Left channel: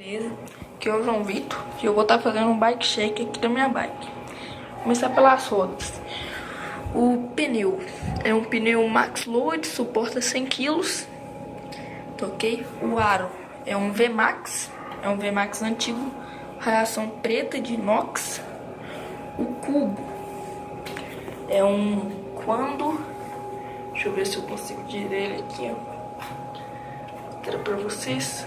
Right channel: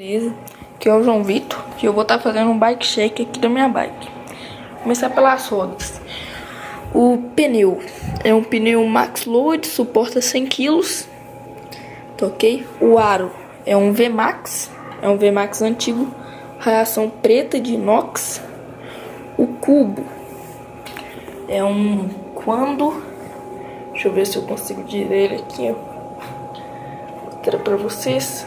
Beleza, aqui é o João Vitor e eu vou estar fazendo um bike check aqui da minha bike. Vou começar pelas rodas. O pneu é um pneu Max Load, suporta 100 kg, tá ok? O aro é um VMAX, antigo, raiação preta de inox. O cubo é um Quando, deixa eu ver se eu consigo dizer ele aqui, ó. Vou mostrar pra vocês.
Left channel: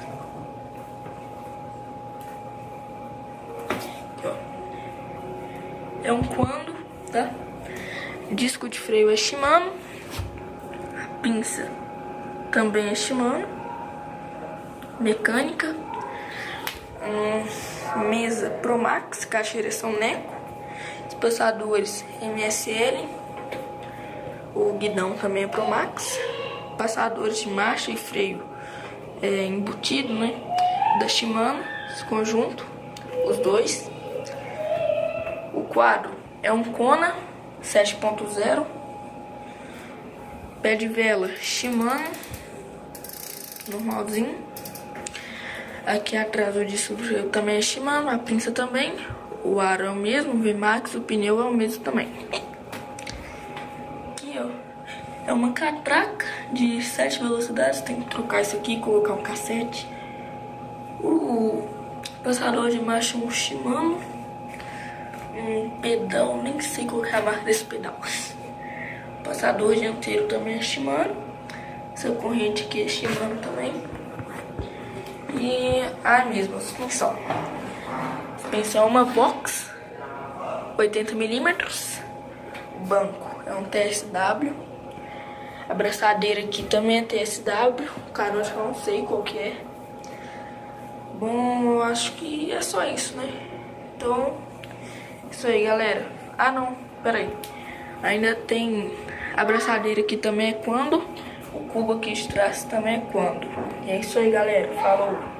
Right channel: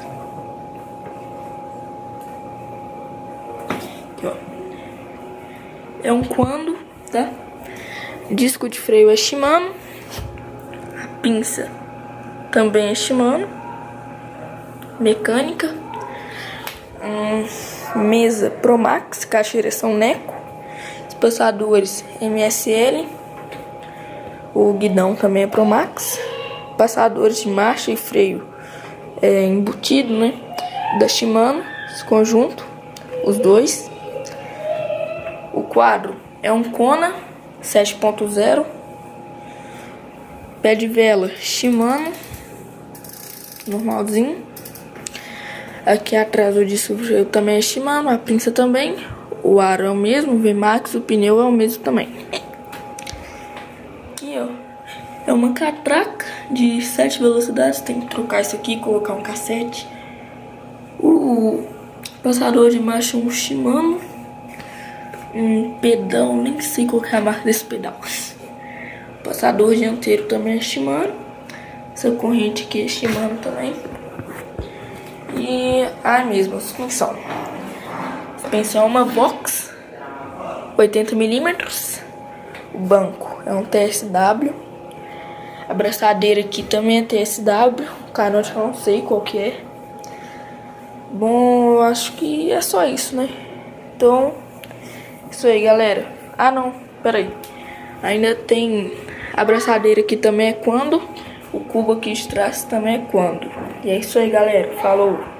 É um Quando, tá? Disco de freio é Shimano. A pinça também é Shimano. Mecânica. Mesa Promax, caixeira são Neco. Espaçadores MSL. O guidão também é Promax. Passadores de marcha e freio é embutido, né? Da Shimano, esse conjunto, os dois. O quadro é um Kona 7.0. Pé de vela Shimano, normalzinho. Aqui atrás o disco de freio também é Shimano, a pinça também. O aro é o mesmo, o VMAX, o pneu é o mesmo também. Aqui, ó, é uma catraca de 7 velocidades. Tem que trocar isso aqui e colocar um cassete. O passador de marcha é um Shimano. Um pedal, nem sei qual é a marca desse pedal. Passador dianteiro também é Shimano. Essa corrente aqui é Shimano também. E a mesma suspensão. Suspensão é uma Vox 80 mm. O banco é um TSW. A braçadeira aqui também é TSW. O carote eu não sei qual que é. Bom, eu acho que é só isso, né? Então, isso aí, galera. Ah, não, peraí. Ainda tem a braçadeira aqui também é Quando. O cubo aqui de trás também é Quando. E é isso aí, galera. Falou.